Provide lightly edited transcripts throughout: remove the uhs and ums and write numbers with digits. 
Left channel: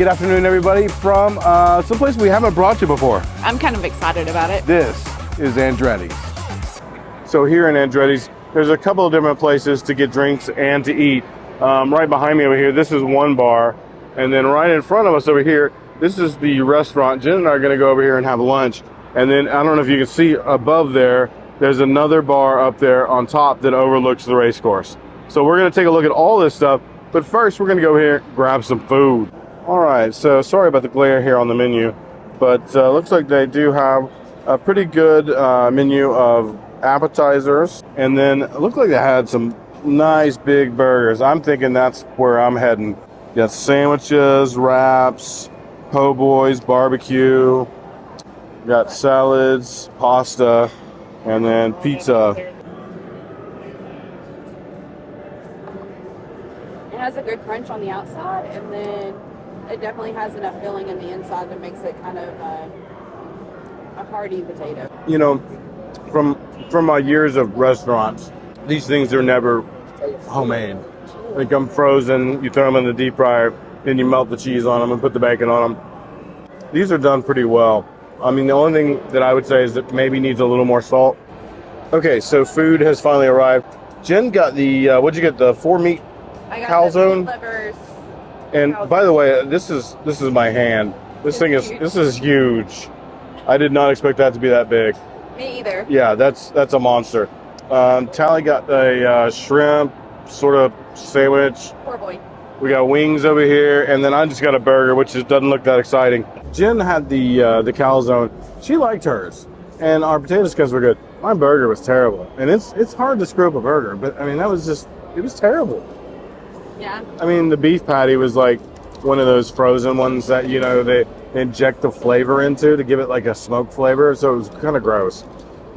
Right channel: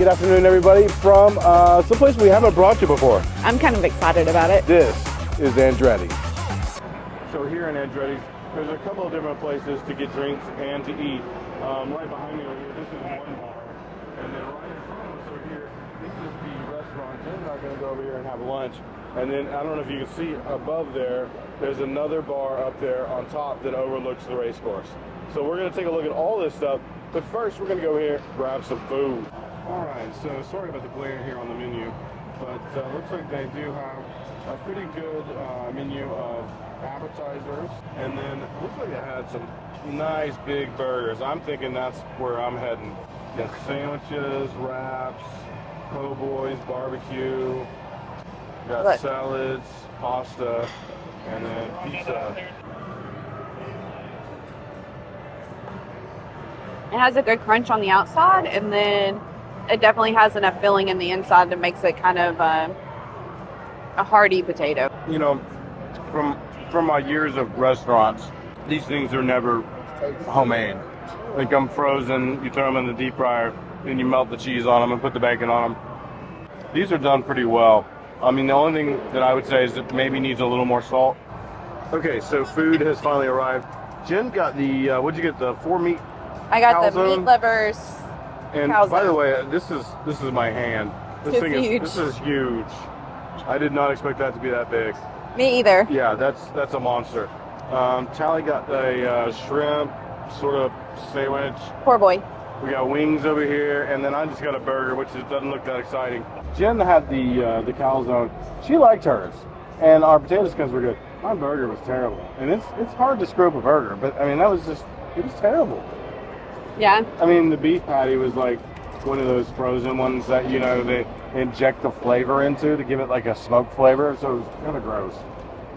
Good afternoon, everybody, from someplace we haven't brought you before. I'm kind of excited about it. This is Andretti. So here in Andretti's, there's a couple of different places to get drinks and to eat. Right behind me over here, this is one bar. And then right in front of us over here, this is the restaurant. Jen and I are going to go over here and have lunch. And then, I don't know if you can see above there, there's another bar up there on top that overlooks the race course. So we're going to take a look at all this stuff. But first, we're going to go here and grab some food. All right, so sorry about the glare here on the menu, but looks like they do have a pretty good menu of appetizers, and then it looked like they had some nice big burgers. I'm thinking that's where I'm heading. Got sandwiches, wraps, po' boys, barbecue, got salads, pasta, and then pizza. It has a good crunch on the outside, and then it definitely has enough filling in the inside that makes it kind of a hearty potato. You know, from my years of restaurants, these things are never homemade. They come frozen, you throw them in the deep fryer, then you melt the cheese on them and put the bacon on them. These are done pretty well. I mean, the only thing that I would say is that maybe needs a little more salt. Okay, so food has finally arrived. Jen got the, what'd you get, the 4-meat I got calzone? the meat livers. And by the way, this is my hand. This is huge. I did not expect that to be that big. Me either. Yeah, that's a monster. Tally got a shrimp sort of sandwich. Poor boy. We got wings over here, and then I just got a burger, which doesn't look that exciting. Jen had the calzone. She liked hers, and our potato skins were good. My burger was terrible, and it's hard to screw up a burger, but I mean it was terrible. Yeah. I mean, the beef patty was like one of those frozen ones that, you know, they inject the flavor into to give it like a smoked flavor. So it was kind of gross.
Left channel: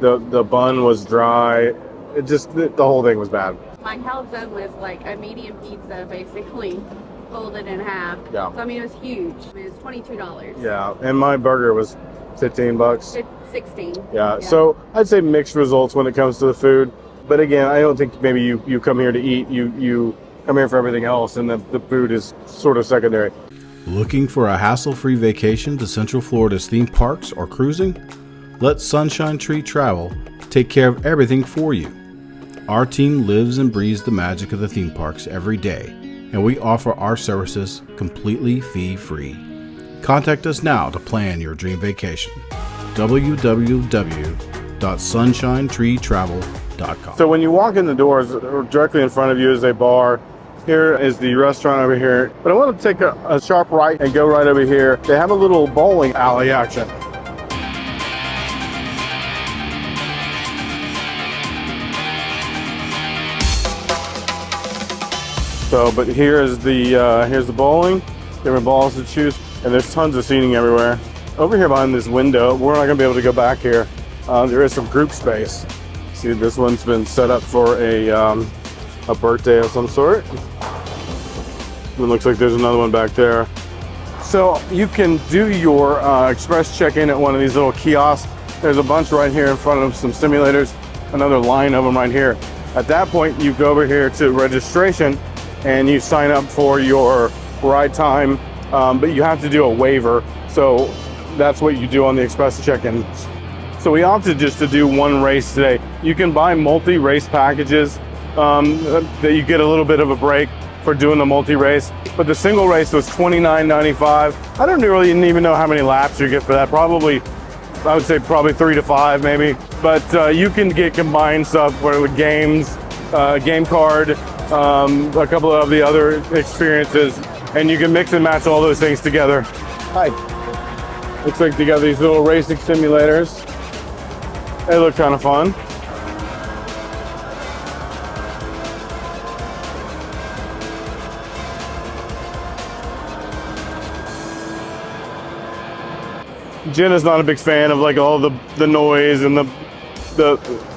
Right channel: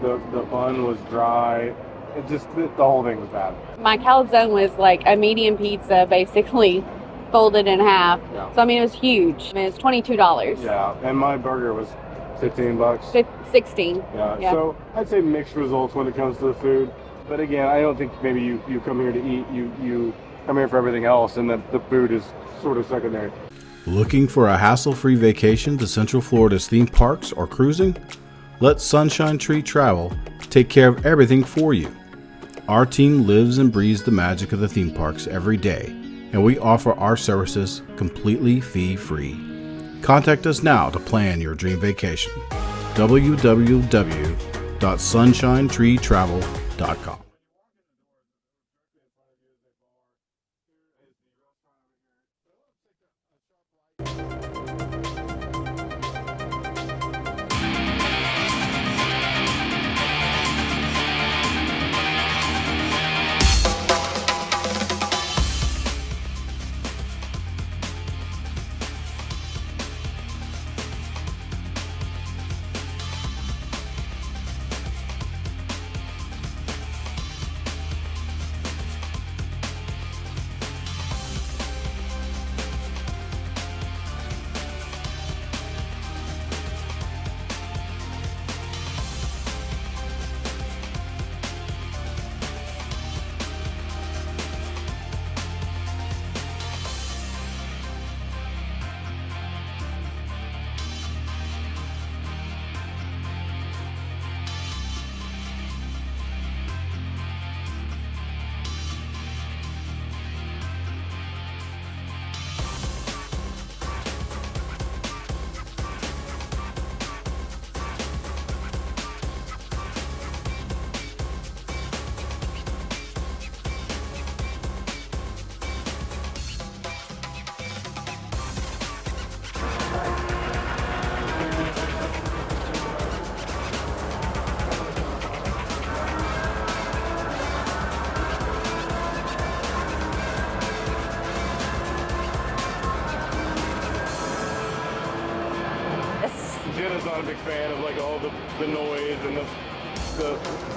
The bun was dry. It just, the whole thing was bad. My calzone was like a medium pizza, basically folded in half. Yeah. So, I mean, it was huge. I mean, it's $22. Yeah. And my burger was $15. 16. Yeah. So I'd say mixed results when it comes to the food. But again, I don't think maybe you come here to eat, you come here for everything else, and the food is sort of secondary. Looking for a hassle-free vacation to Central Florida's theme parks or cruising? Let Sunshine Tree Travel take care of everything for you. Our team lives and breathes the magic of the theme parks every day, and we offer our services completely fee-free. Contact us now to plan your dream vacation. www.sunshinetreetravel.com. So when you walk in the doors, directly in front of you is a bar. Here is the restaurant over here. But I want to take a sharp right and go right over here. They have a little bowling alley action. So, but here's the bowling. Different balls to choose, and there's tons of seating everywhere. Over here behind this window, we're not going to be able to go back here. There is some group space. See, this one's been set up for a birthday of some sort. It looks like there's another one back there. So you can do your express check-in at one of these little kiosks. There's a bunch right here in front of some simulators, another line of them right here. At that point, you go over here to registration and you sign up for your ride time, but you have to do a waiver. So that's what you do on the express check-in. So we opted just to do one race today. You can buy multi-race packages that you get a little bit of a break for doing the multi-race, but the single race was $29.95. I don't really even know how many laps you get for that. Probably, I would say probably 3 to 5 maybe. But you can get combined stuff with games, game card, a couple of the other experiences, and you can mix and match all those things together. Hi. Looks like they got these little racing simulators. They look kind of fun. Jen is not a big fan of like all the noise and the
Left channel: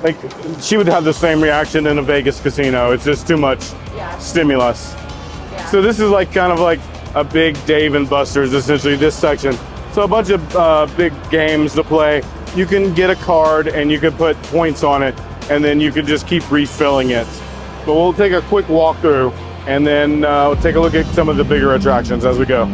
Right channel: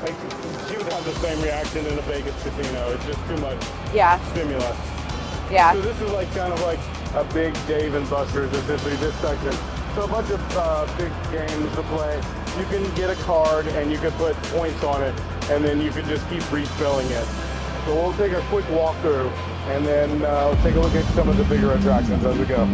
like. She would have the same reaction in a Vegas casino. It's just too much stimulus. Yeah. So this is like kind of like a big Dave and Buster's, essentially, this section. So a bunch of big games to play. You can get a card and you can put points on it, and then you can just keep refilling it. But we'll take a quick walkthrough and then we'll take a look at some of the bigger attractions as we go.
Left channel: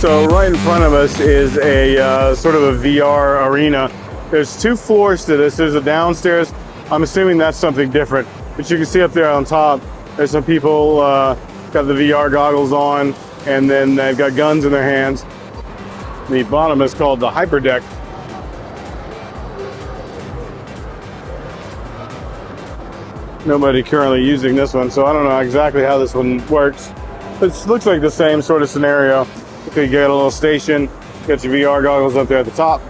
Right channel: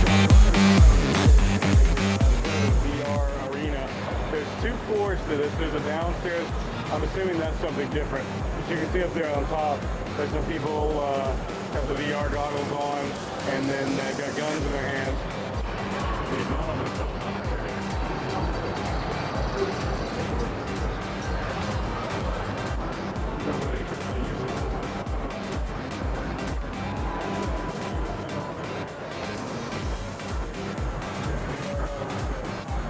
So right in front of us is a sort of a VR arena. There's 2 floors to this. There's a downstairs. I'm assuming that's something different. But you can see up there on top, there's some people got the VR goggles on, and then they've got guns in their hands. The bottom is called the hyper deck. Nobody currently using this one, so I don't know exactly how this one works. But it looks like the same sort of scenario. You get a little station, get your VR goggles up there at the top.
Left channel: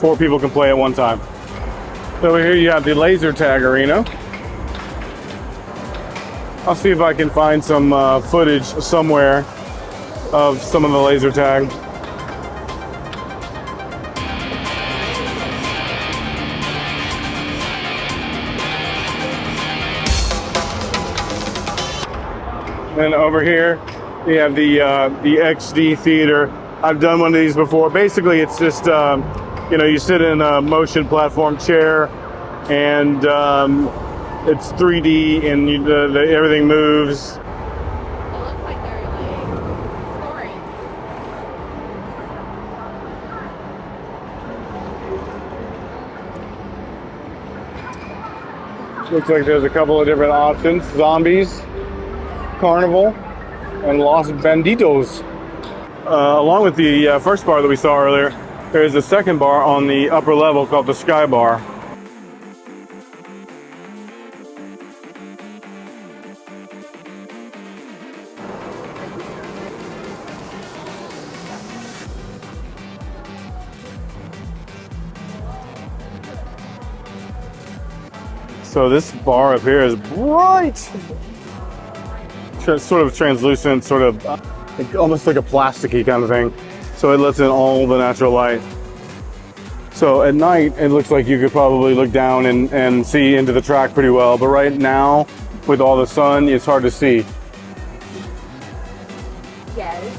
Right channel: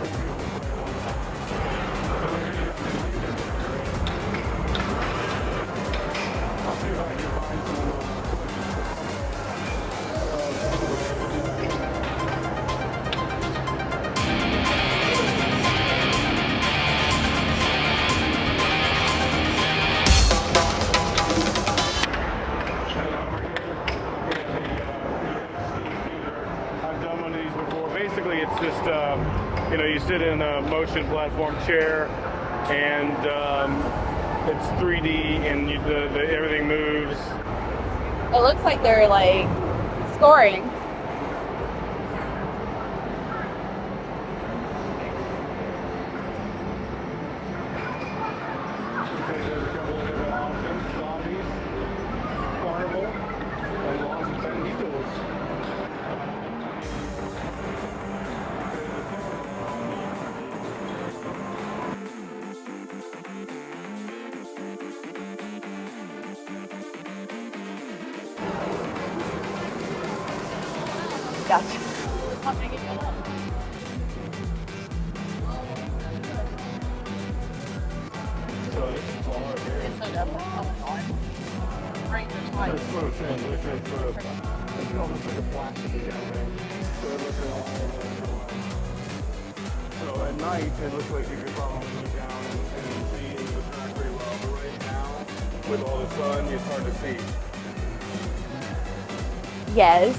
4 people can play at one time. Over here you have the laser tag arena. I'll see if I can find some footage somewhere of some of the laser tag. And over here, we have the XD theater. I've done one of these before. Basically, it's just, you know, you sit in a motion platform chair, and it's 3D, and everything moves. It looks like they're like scoring. Looks like there's a couple of different options. Zombies, Carnival, and Los Banditos. Along with the first bar that we saw earlier, there's a second bar on the upper level called the Sky Bar. Yeah. So this bar up here is bright. It's sort of translucent, sort of almost like a plasticky kind of thing. So it lets in all the natural light. So at night, it looks like you could probably look down and see into the track pretty well. But right now, with all the sun, it's hard to see. Yes.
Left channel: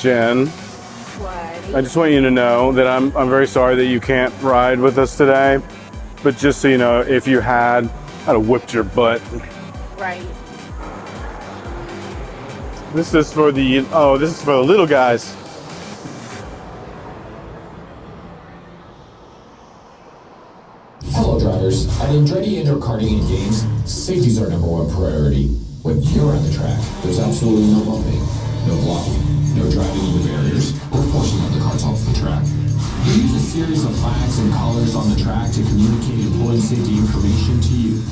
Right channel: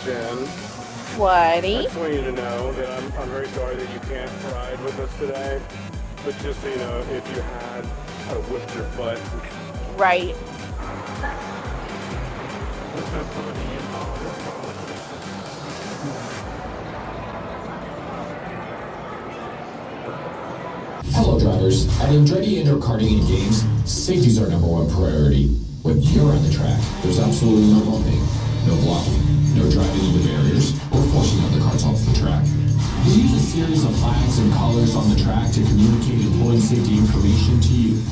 Jen, I Sweaty. just want you to know that I'm very sorry that you can't ride with us today. But just so you know, if you had, I'd have whipped your butt. Right. This is for the little guys. Hello drivers, at Andretti Indoor Karting and Games, safety is our #1 priority. When you're on the track, there's absolutely no bumping, no blocking, no driving into barriers, or forcing other cars off the track. We use a series of flags and collars on the track to communicate important safety information to you.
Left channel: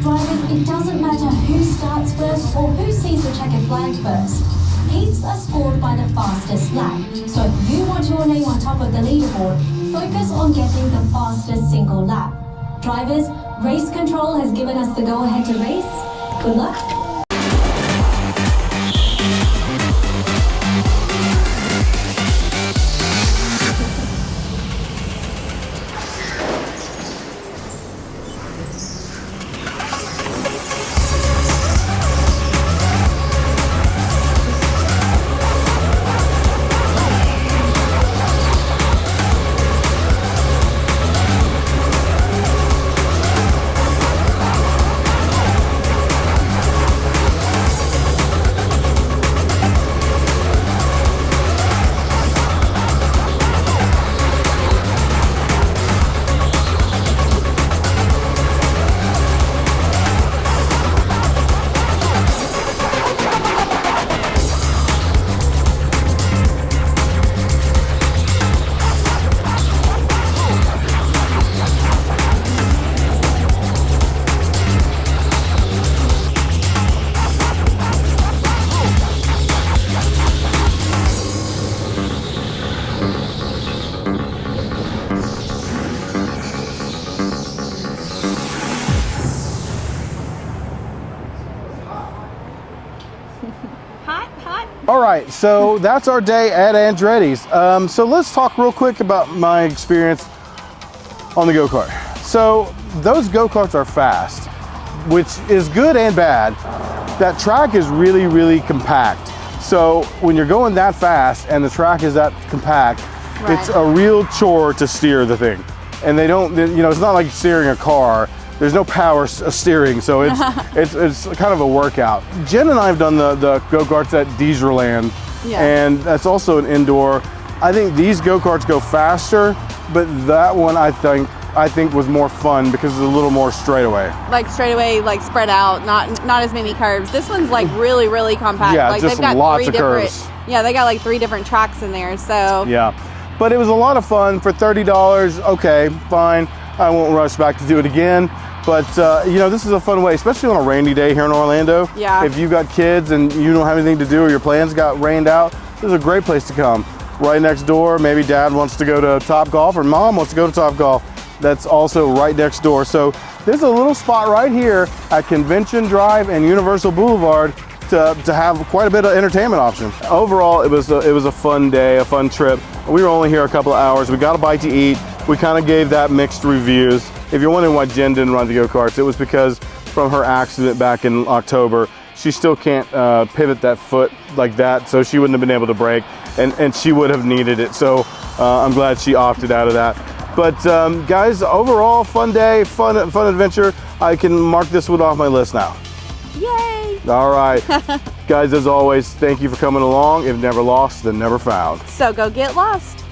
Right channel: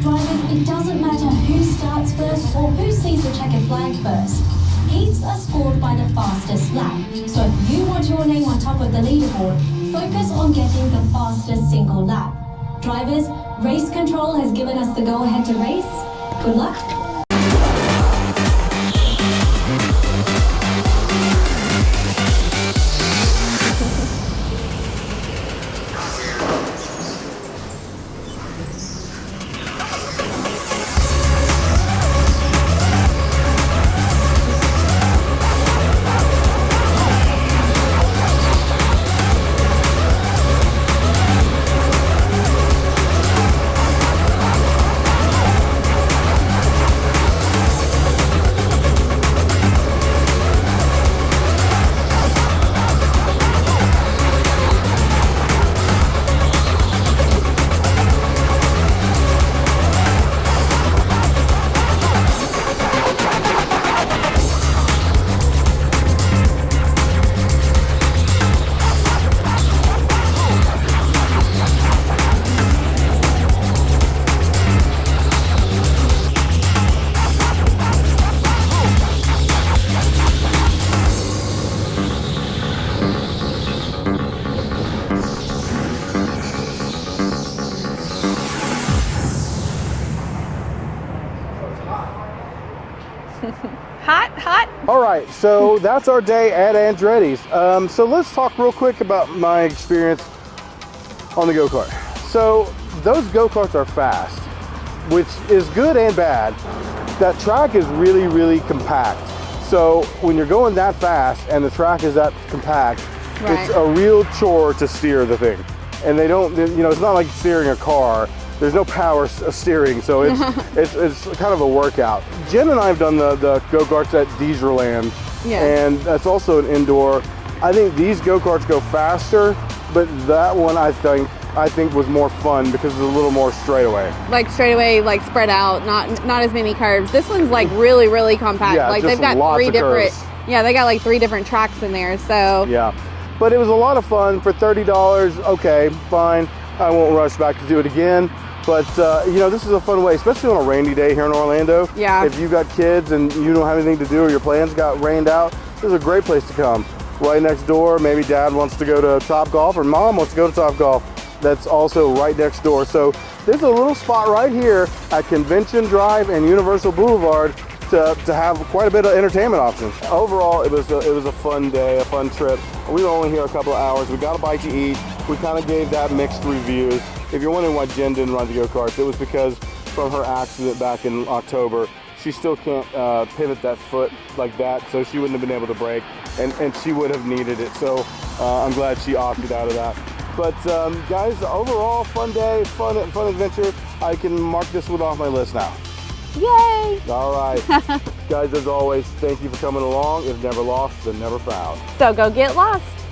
Drivers, it doesn't matter who starts first or who sees the checkered flag first. Heats are scored by the fastest lap. So if you want your name on top of the leaderboard, focus on getting the fastest single lap. Drivers, race control has given us the go-ahead to race. Good luck. right, so that's our day at Andretti's. So let's talk real quick about my experience on the go-kart. So those go-karts are fast, which is good and bad. That track is really, really compact. So when you're going that fast and the track is that compact, it's a real chore to steer the thing. And they don't, you know, it's not like steering a car. There's no power steering, so it's kind of a workout. Jen and I have done the go-karts at Deeserland, and that's also an indoor. I think these go-karts go faster, but that one I think was more fun because it's a little more straightaway. Like straightaway, like spread out, not as many curves. This one's like really, really compact. Yeah, like just they've got lots three of different. curves. Yeah, they got like 3 different tracks in there. So yeah, but it was a lot of fun for $30. Okay, fine. I won't rush back to do it again. But you know, this is a fun way, especially on a rainy day here in Orlando. Yeah. If you got kids and you don't have anything to do or your plans got rained out, this is a great place to come. Right next door, maybe Dad wants to go to Top Golf or Mom wants to go to Top Golf. That's also right next door. So there's a little spot right here at Convention Drive and Universal Boulevard to have quite a bit of entertainment options. Overall, it was a fun day, a fun trip. We were only here a couple of hours. We got a bite to eat. We kind of gave that mixed reviews. If you're wondering why Jen didn't run the go-karts, it was because from her accident back in October, she still can't pivot that foot like that, so she wouldn't have been able to brake, and she would have needed it. So I'm glad she opted out of that. But guys, overall, fun day, fun adventure. I can mark this one off my list now. yay! All right. Guys, as always, thank you for coming along. If never lost, then never found. So go get lost.